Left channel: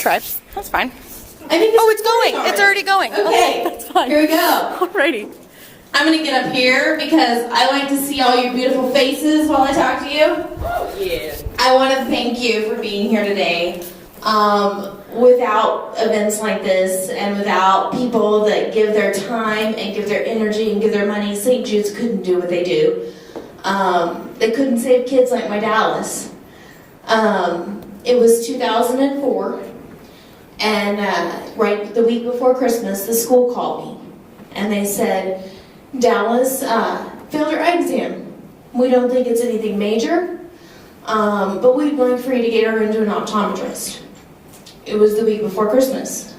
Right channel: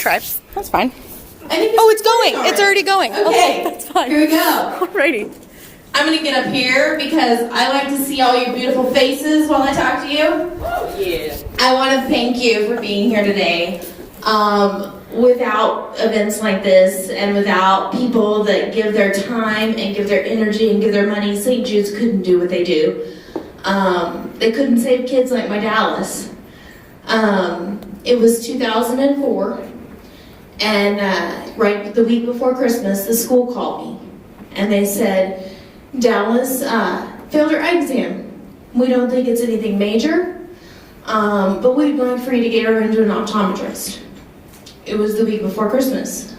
tried. That's fine. Oh, it's going. It's already going. Okay, that's fine. Here we go. Alrighty. I'm going to get up here because I like to see all your beautiful faces while I talk to you. Oh, yeah. I want to thank you for being here today. Without events like this and without people that give their time and give their energy and give their money, St. Jude's couldn't do what they do. They couldn't save kids like my Dallas. It was 2004, and right the week before Christmas, the school called me, and they said, Dallas failed her eye exam. We don't think it's anything major, but we'd like for you to get her into an optometrist. It was the week before Christmas.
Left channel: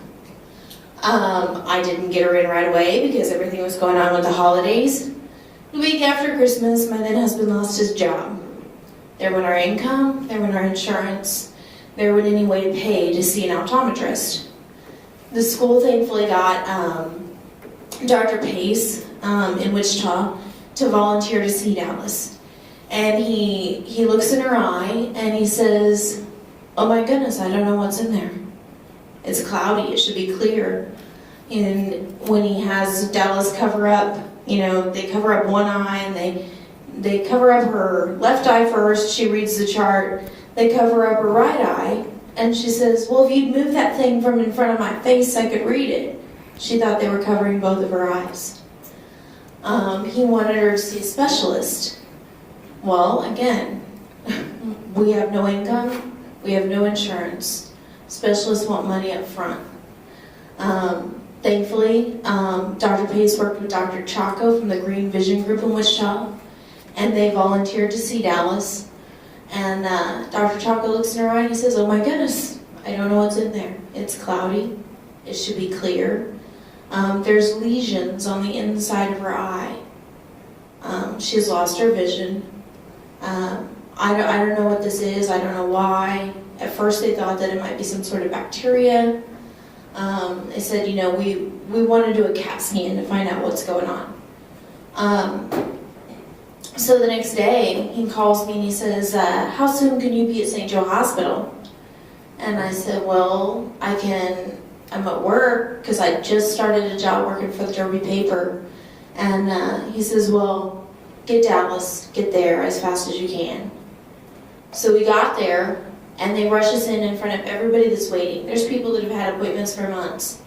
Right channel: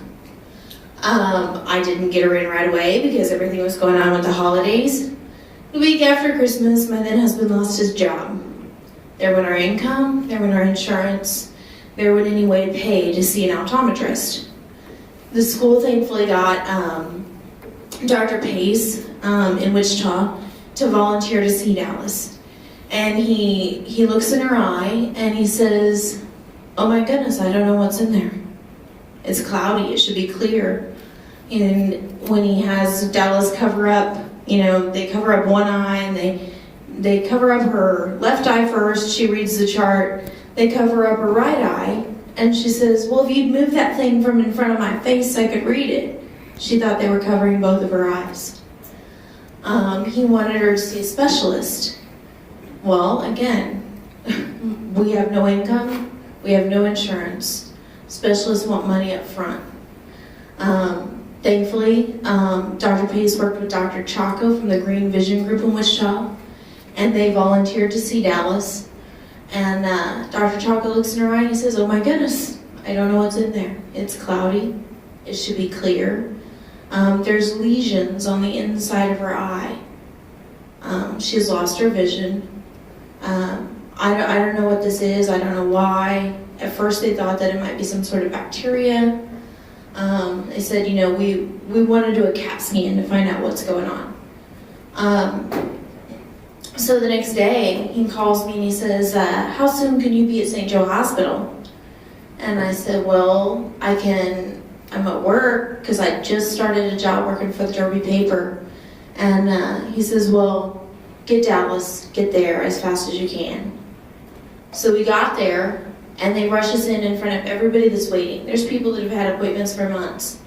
I didn't get her in right away because everything was going on with the holidays. The week after Christmas, my then husband lost his job. There went our income, there went our insurance, there went any way to pay to see an optometrist. The school thankfully got Dr. Pace in Wichita to volunteer to see Dallas. And he looks in her eye and he says, oh my goodness, I don't know what's in there. It's cloudy, it should be clear. And when he has Dallas cover up, they cover up one eye and they cover up her left eye first, she reads the chart, they cover up her right eye, and she says, well, if you'd move that thing from in front of my face, I could read it. She thought they were covering both of her eyes. He wanted her to see a specialist. Well, again, we have no income, we have no insurance. Specialists want money up front. Thankfully, Dr. Pace worked with Dr. Chaco from the Green Vision Group in Wichita, and they volunteered to see Dallas. And Dr. Chaco looks in her eye and he says, oh my goodness, I don't know what's in there. It's cloudy, it should be clear. There's lesions on the inside of her eye. She's lost her vision. I don't know what this is, I don't know why. At first they thought that it might be some sort of bacteria. They said, we want to do a CAT scan to find out what's going on. So the next day, he calls me and he says, how soon can you be at St. Joe Hospital? And I said, well, I'm at work because I just started a job working for the Derby paper. And he says, well, get Dallas, get there as fast as you can. So we got there, and they rush us in front of everybody that's waiting. There's people that have had appointments for months,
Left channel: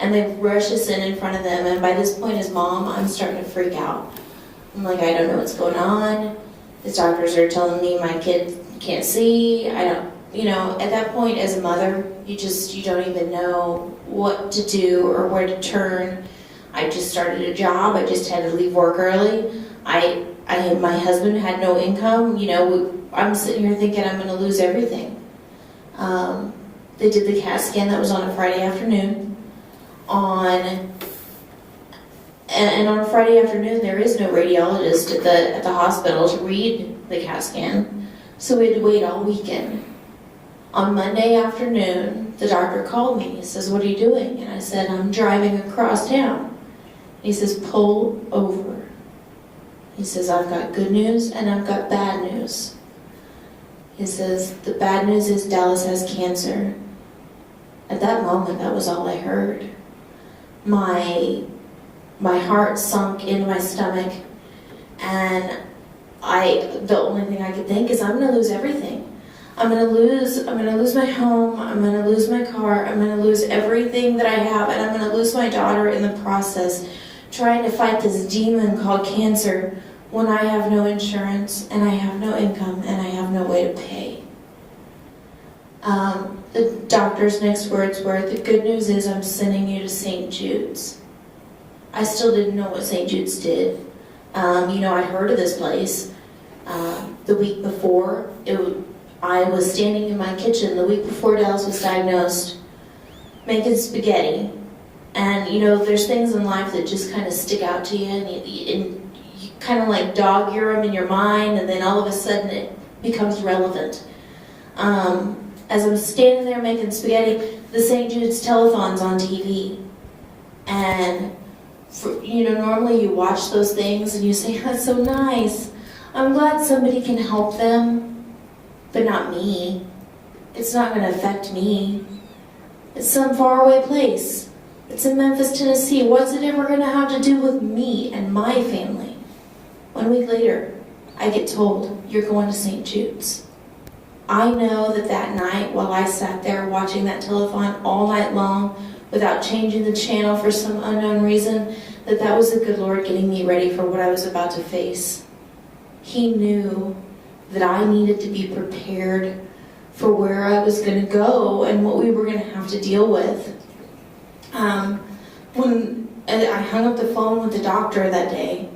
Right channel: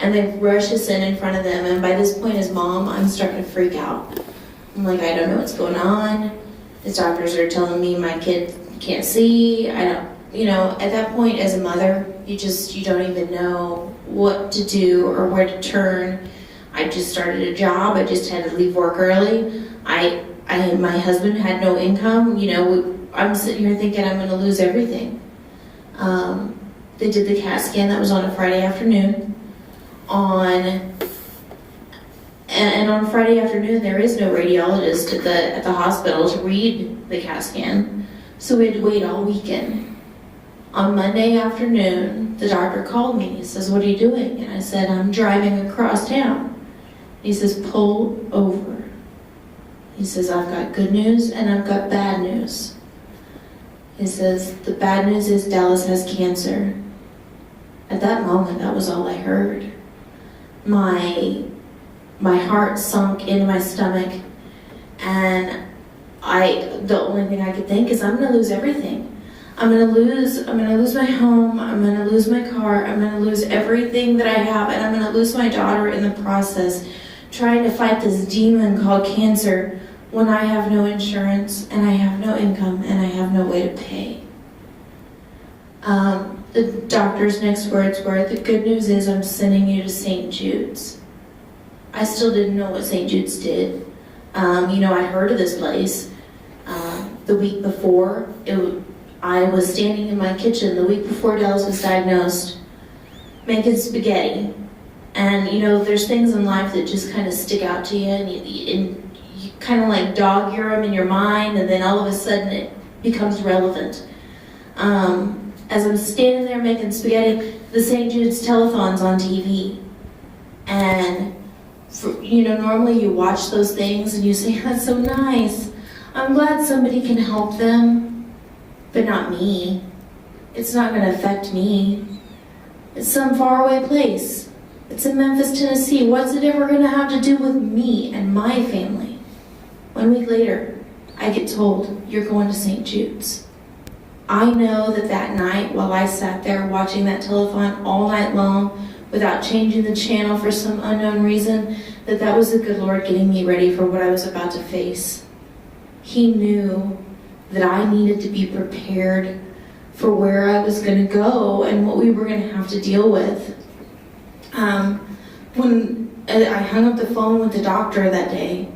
and they rush us in front of them. And by this point, as mom, I'm starting to freak out. I'm like, I don't know what's going on. The doctors are telling me my kid can't see. At that point, as a mother, you don't even know what to do or where to turn. I just started a job. I just had to leave work early. My husband had no income. I'm sitting here thinking I'm going to lose everything. They did the CAT scan. That was on a Friday afternoon. And on Friday afternoon, there is no radiologist at the hospital to read the CAT scan, so we had to wait all weekend. On Monday afternoon, the doctor called me. He says, what are you doing? And I said, I'm driving across town. He says, pull over. He says, I've got good news and I've got bad news. He says, the bad news is Dallas has cancer. At that moment, that was all I heard. My heart sunk into my stomach, and the only thing I could think is I'm going to lose everything. I'm going to lose my home, I'm going to lose my car, I'm going to lose everything that I have, and I'm going to lose my daughter in the process, trying to fight this demon called cancer when I have no insurance, and I have no income, and I have no way to pay. The doctor's next words were, the good news is I'm sending you to St. Jude's. I still didn't know what St. Jude's did. I'd heard of this place. The week before, I was standing in my kitchen the week before Dallas was diagnosed, making spaghetti. And, there's things in life that just kind of stick out to you, and you kind of like dog ear them in your mind, and then all of a sudden it becomes relevant. As I'm standing there making spaghetti, the St. Jude's telethon's on TV. And, normally you watch those things and you say, that's so nice. I'm glad somebody can help them, but not me. It's not going to affect me. It's some faraway place. It's in Memphis, Tennessee. What's it ever going to have to do with me and my family? 1 week later, I get told, you're going to St. Jude's. I know that night, while I sat there watching that telethon all night long without changing the channel for some unknown reason, that was the good Lord getting me ready for what I was about to face. He knew that I needed to be prepared for where I was going to go and what we were going to have to deal with. When I hung up the phone with the doctor that day,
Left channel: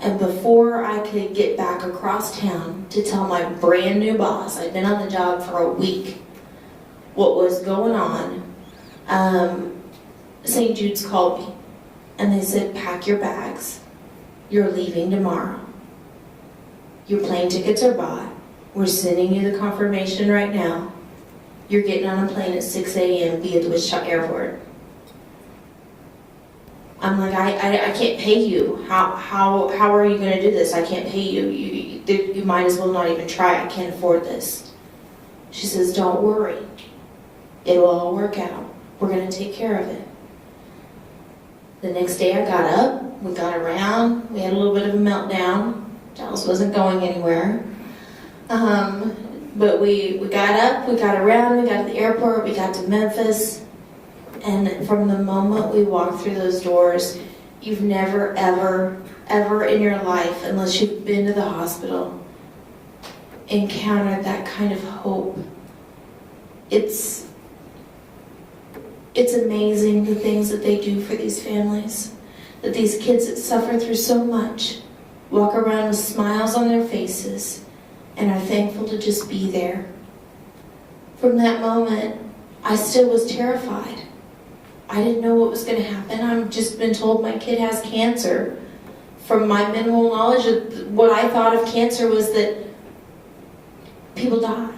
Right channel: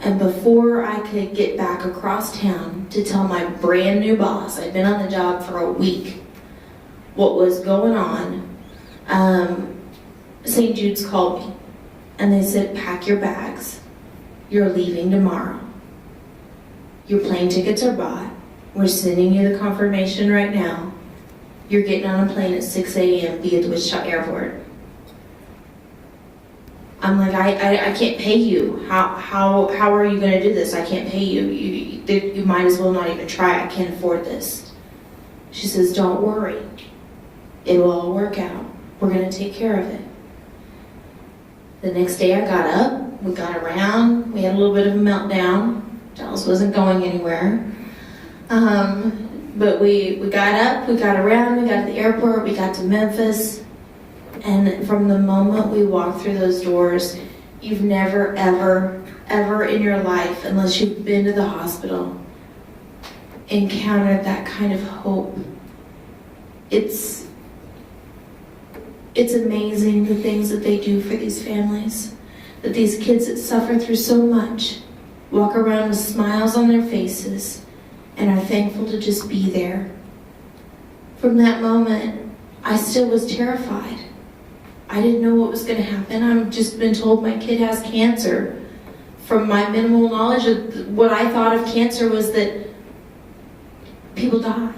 and before I could get back across town to tell my brand new boss, I'd been on the job for a week, what was going on, St. Jude's called me, and they said, pack your bags. You're leaving tomorrow. Your plane tickets are bought. We're sending you the confirmation right now. You're getting on a plane at 6 a.m. via the Wichita Airport. I'm like, I can't pay you. How are you going to do this? I can't pay you. You might as well not even try. I can't afford this. She says, don't worry. It will all work out. We're going to take care of it. The next day I got up. We got around. We had a little bit of a meltdown. Dallas wasn't going anywhere. But we got up. We got around. We got to the airport. We got to Memphis. And from the moment we walked through those doors, you've never, ever, ever in your life, unless you've been to the hospital, encountered that kind of hope. It's amazing the things that they do for these families, that these kids that suffer through so much walk around with smiles on their faces and are thankful to just be there. From that moment, I still was terrified. I didn't know what was going to happen. I've just been told my kid has cancer. From my minimal knowledge, of what I thought of cancer was that people die.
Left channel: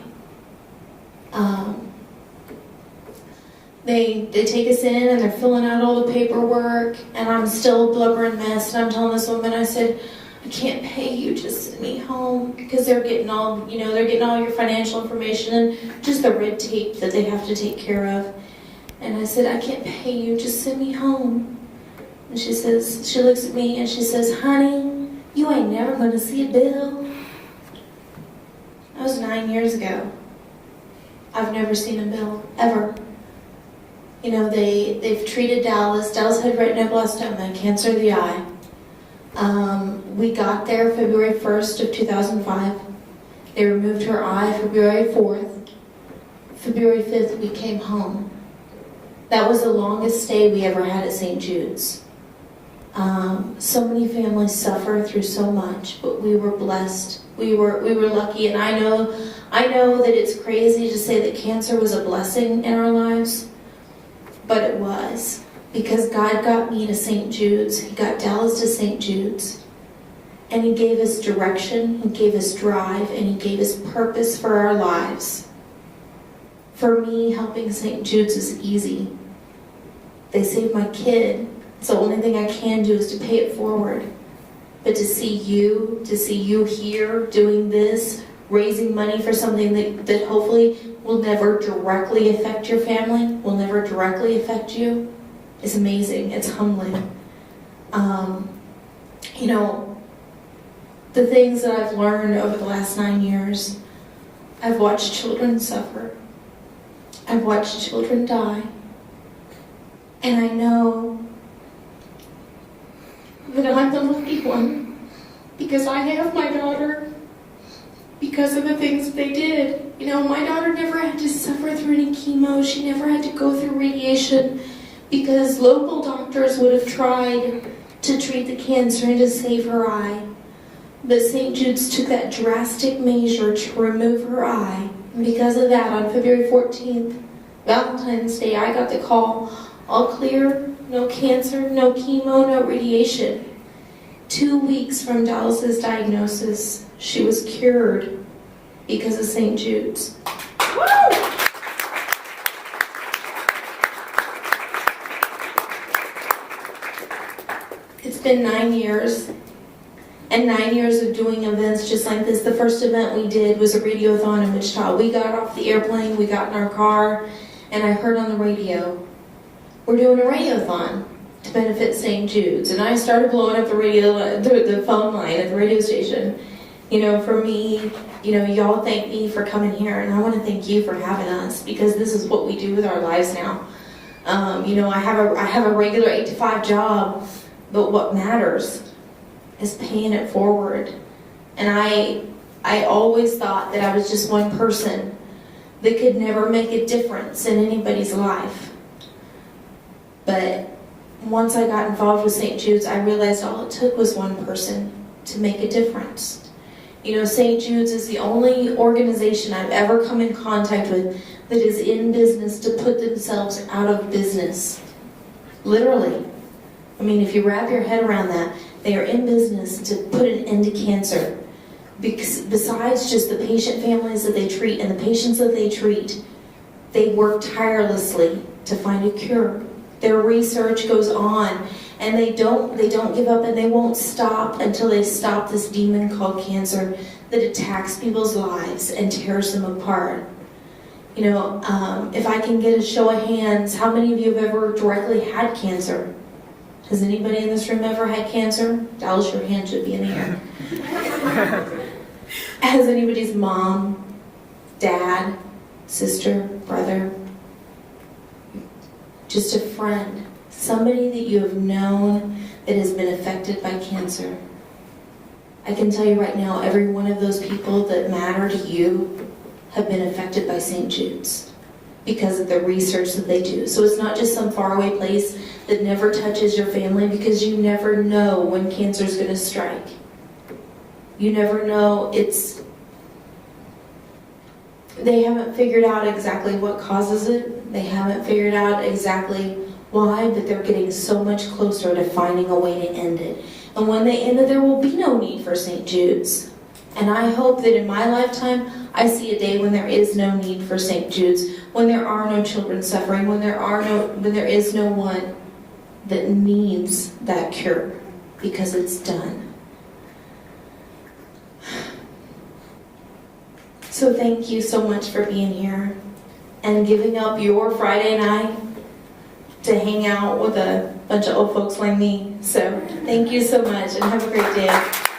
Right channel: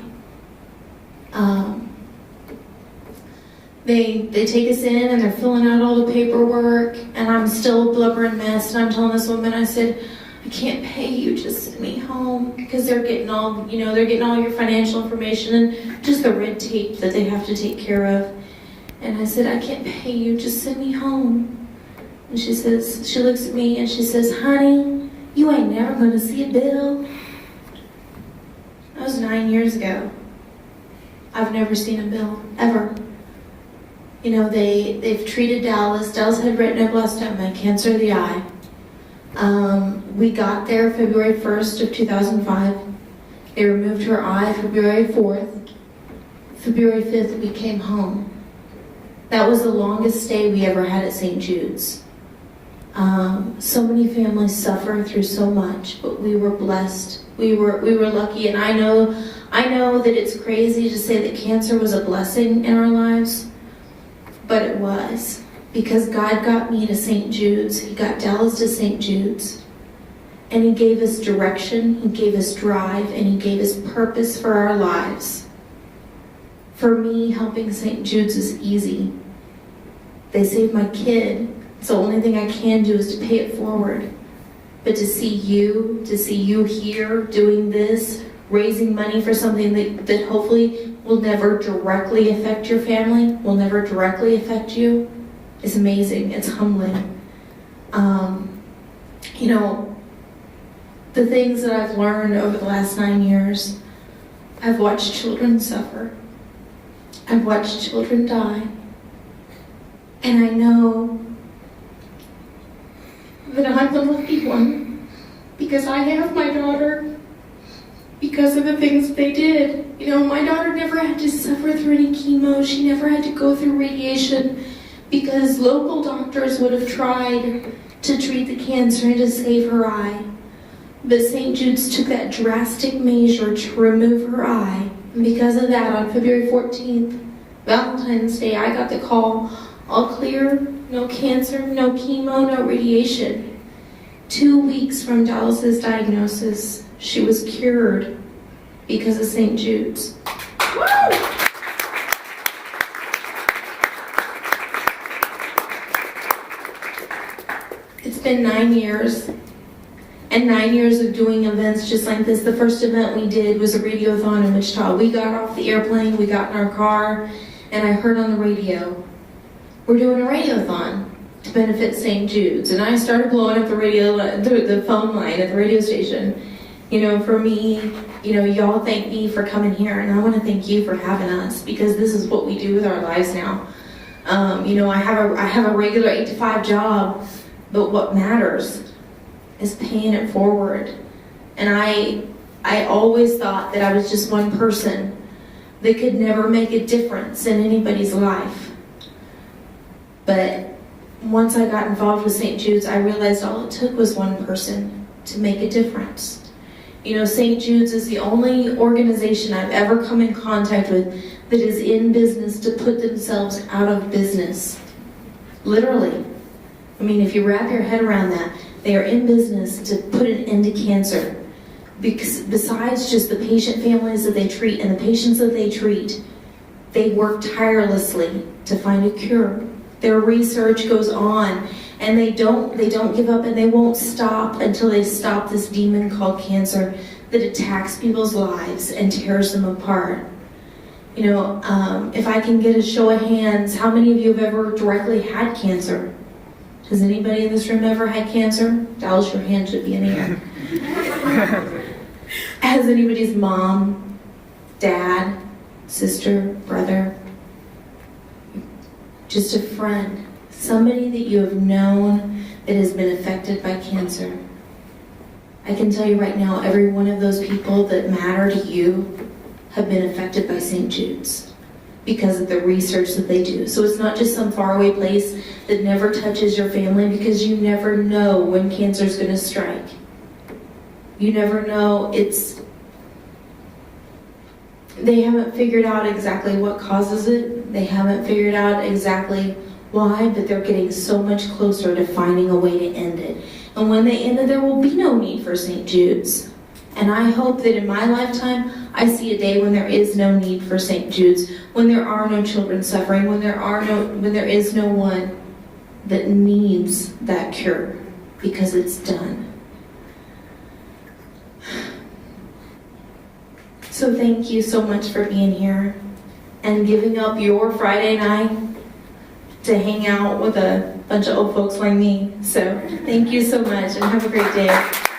They take us in and they're filling out all the paperwork, and I'm still a blubbering mess. And I'm telling this woman, I said, I can't pay you, just send me home, because they're getting all your financial information and just the red tape that they have to take care of. And I said, I can't pay you, just send me home. And she looks at me and she says, honey, you ain't never going to see a bill. That was 9 years ago. I've never seen a bill, ever. You know, they've treated Dallas. Dallas had retinoblastoma, cancer of the eye. We got there February 1st of 2005. They removed her eye February 4th. February 5th, we came home. That was the longest stay we ever had at St. Jude's. So many families suffer through so much, but we were blessed. We were lucky, and I know that it's crazy to say that cancer was a blessing in our lives, but it was, because God got me to St. Jude's. He got Dallas to St. Jude's, and He gave us direction, He gave us drive, and He gave us purpose for our lives. For me, helping St. Jude's is easy. They saved my kid. So the only thing I can do is to pay it forward. But to see you here doing this, raising money for something that hopefully will never directly affect your family, will never directly affect you, is amazing. It's humbling. The things that I've learned over the last 9 years, I've watched children suffer. I've watched children die. And I know that I'm the lucky one, because I have my daughter because of the things they did. You know, my daughter never had to suffer through any chemo. She never had to go through radiation, because local doctors would have tried to treat the cancer and to save her eye. But St. Jude's took that drastic measure to remove her eye. And because of that, on February 14th, Valentine's Day, I got the call, all clear, no cancer, no chemo, no radiation. 2 weeks from Dallas's diagnosis, she was cured because of St. Jude's. Woo! It's been 9 years, and 9 years of doing events just like this. The first event we did was a radiothon in Wichita. We got off the airplane, we got in our car, and I heard on the radio, we're doing a radiothon to benefit St. Jude's. And I started blowing up the phone line at the radio station. You know, for me, you know, y'all thank me for coming here, and I want to thank you for having us, because this is what we do with our lives now. You know, I have a regular 8-to-5 job, but what matters is paying it forward. And I always thought that I was just one person that could never make a difference in anybody's life. But once I got involved with St. Jude's, I realized all it took was one person to make a difference. You know, St. Jude's is the only organization I've ever come in contact with that is in business to put themselves out of business. Literally. I mean, if you wrap your head around that, they are in business to put an end to cancer. Because besides just the patient families that they treat and the patients that they treat, they work tirelessly to find a cure. Their research goes on, and they don't give up, and they won't stop until they stop this demon called cancer that attacks people's lives and tears them apart. You know, if I can get a show of hands, how many of you have ever directly had cancer? Has anybody in this room ever had cancer? Dallas, your hand should be in the air. Has anybody's mom, dad, sister, brother, just a friend, somebody that you have known that has been affected by cancer? I can tell you right now, every one of those people that matter to you have been affected by St. Jude's because of the research that they do. So it's not just some faraway place that never touches your family, because you never know when cancer is going to strike. You never know. They haven't figured out exactly what causes it. They haven't figured out exactly why, but they're getting so much closer to finding a way to end it. And when they end it, there will be no need for St. Jude's. And I hope that in my lifetime, I see a day when there is no need for St. Jude's, when there are no children suffering, when there is no one that needs that cure, because it's done. So thank you so much for being here and giving up your Friday night to hang out with a bunch of old folks like me. So thank you so much, and have a great day.